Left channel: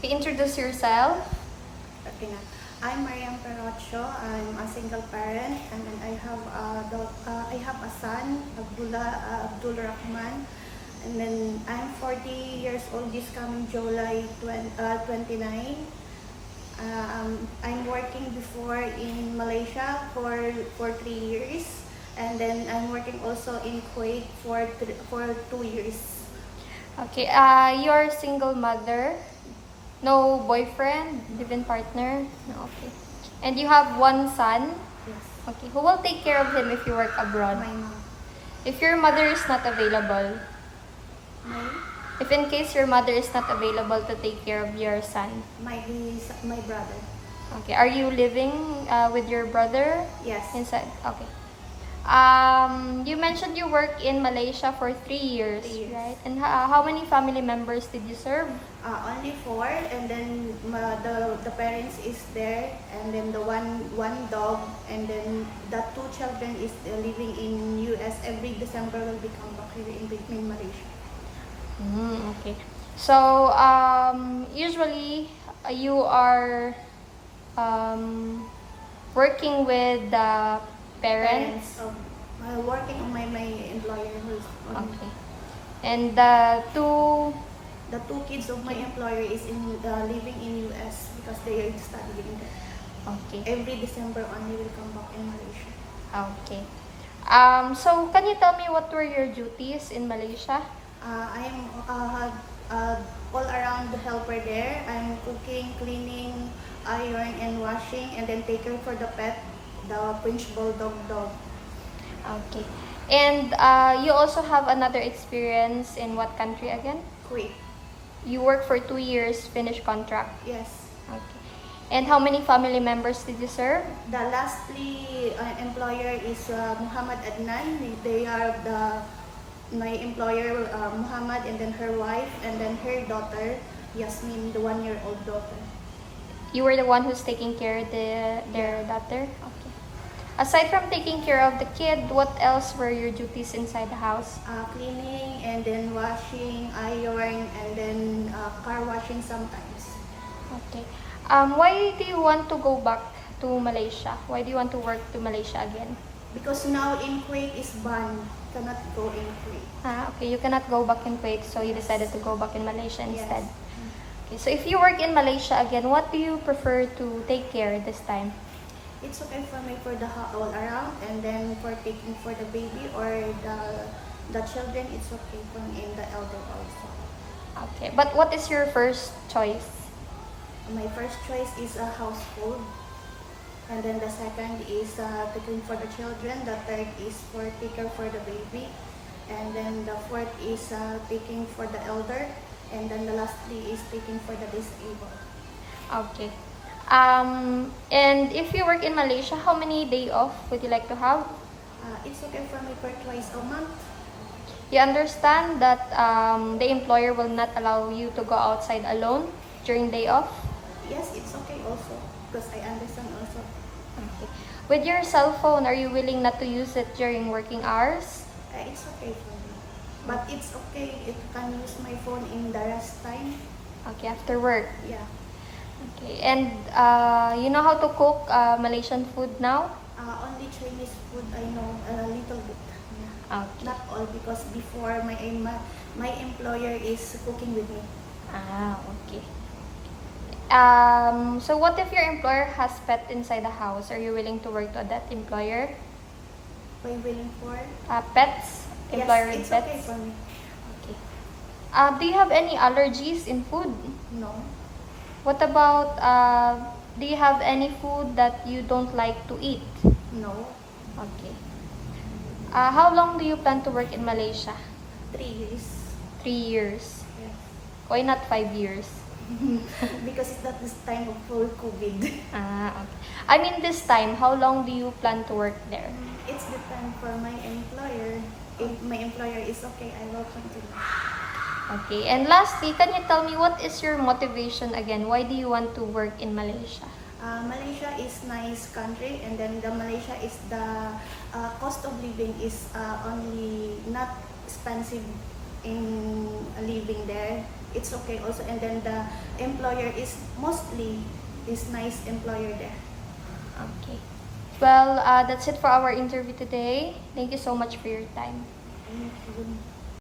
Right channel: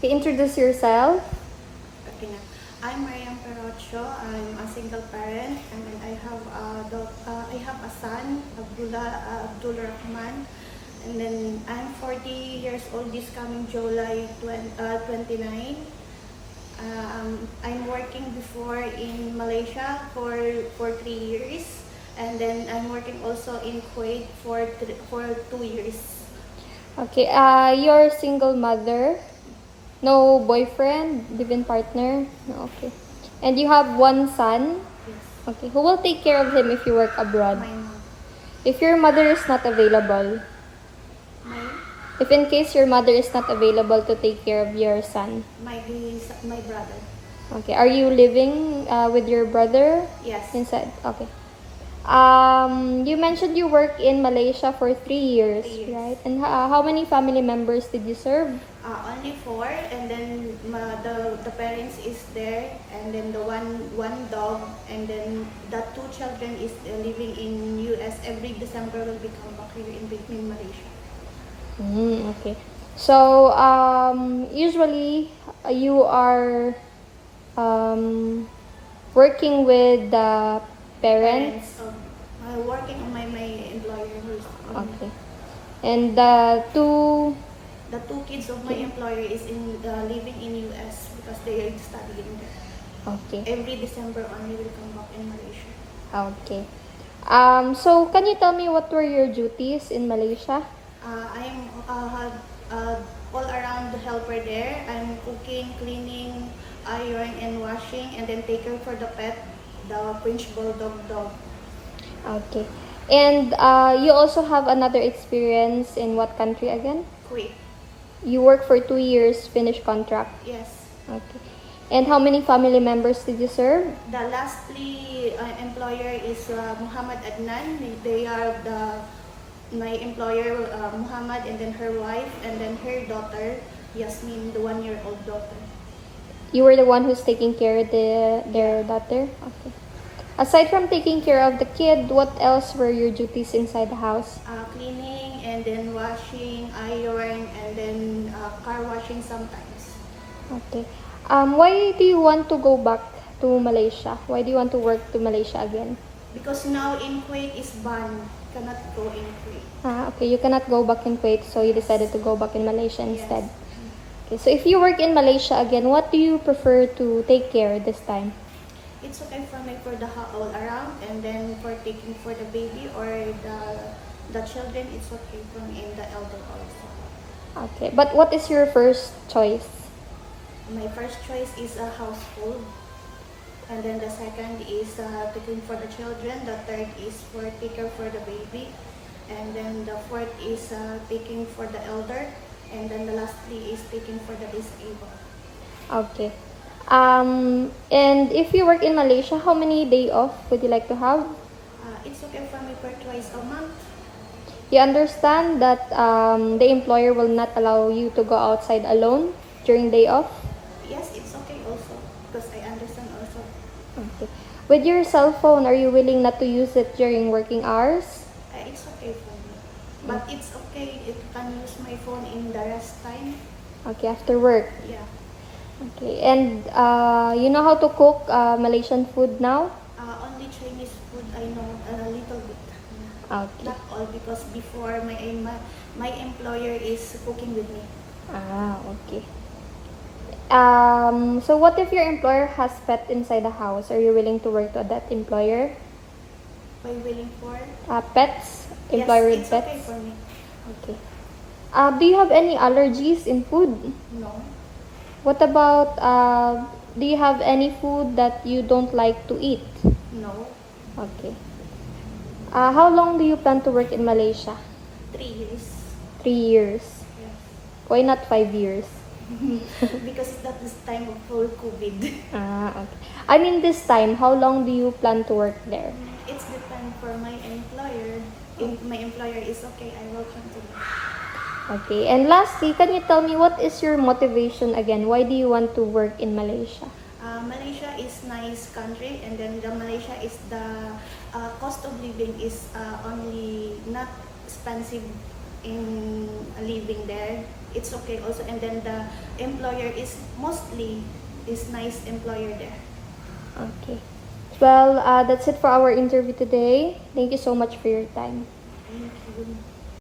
Okay, introduce yourself. Okay na. I'm Mariam Perocho. I'm a single parent, and then I have a son, Abdul Rahman, and then I'm 40 years old this coming July 29. I'm working before in Malaysia for 3 years, and then I'm working also in Kuwait for 2 years. Okay, you're a single mother. No boyfriend, live-in partner. No, okay. And you have one son. Yes. Okay, who will take care of him if you work abroad? My mom. If your mother is not available, My if in case your mother is not available to take care of your son, my brother. okay, are you living with your brother Yes. inside? Okay. You mentioned you work in Malaysia for 3 years, 3 years. right? And how many family members did you serve? Only four, and then the parents is there, and then the one dog, and then the two children is living in US. Every December will become back here in Malaysia. Okay. So, usually you are working with the parents. So working on my employer who's on Okay. And the two kids of my employer is living in US because they are studying there. okay. Every December only will come back in Malaysia. Okay. So can you tell me what were your duties in Malaysia? I am all around the helper there. I'm cooking, cleaning, iron and washing, and then take care for the pet, the French bulldog dog. Okay. And you also have another experience in what country again? Quick. You work for 2 years, finished contract. Yes. Okay. And how many family members did you serve? The lastly employer is Muhammad Adnan. They are my employer Muhammad, and then her wife, and then her daughter Yasmin, the 1-year-old daughter. You were the one who's taking care of their daughter? Okay. Aside from taking care of the kid, what else were your duties inside the house? Cleaning, and then washing, iron, and then car washing sometimes. Okay. Why do you want to go back to Malaysia? Why do you want to work to Malaysia again? Because now in Kuwait is banned. Cannot go in Kuwait. Okay, you cannot go back in Kuwait, so you decided to go back in Malaysia instead. Yes. Okay, so if you work in Malaysia again, what do you prefer to take care this time? It's okay for me for the all around, and then for taking for the baby or the children, it's okay for me, and the elder also. Okay, but what is your first choice? My first choice is a household, and then the second is taking for the children. The third is for taking for the baby, and then the fourth is taking for the elder, and then the lastly is taking for the disabled. Okay. And if you work in Malaysia, how many day off would you like to have? It's okay for me for twice a month. You understand that the employer will not allow you to go outside alone during day off? Yes, it's okay also, because I understand also. Okay. With your cell phone, are you willing not to use it during working hours? It's okay for me. But it's okay if I can use my phone in the rest time. Okay, after work. Yeah. Okay. And you know how to cook Malaysian food now? Only Chinese food I know a little bit. Yeah. Okay. Not all, because before my employer is cooking with me. Okay. So what if your employer has pet inside the house? Are you willing to work with that employer? By willing for? Pets? Yes, Employer with it's okay pets? for me. Okay. Do you have any allergies in food? No. What about, do you have any food that you don't like to eat? No. Okay. How long do you plan to work in Malaysia? 3 years. 3 years. Yeah. Why not 5 years? Because that is time of full COVID. Okay. I mean this time, how long do you plan to work there? It's depend for my employer. If my employer is okay, I will continue. Okay. And lastly, can you tell me what is your motivation again? Why do you want to work in Malaysia? Malaysia is nice country, and then the Malaysia is the cost of living is only not expensive in living there, it's okay also. And then the employer is mostly is nice employer there. Okay. Well, that's it for our interview today. Thank you so much for your time. Thank you.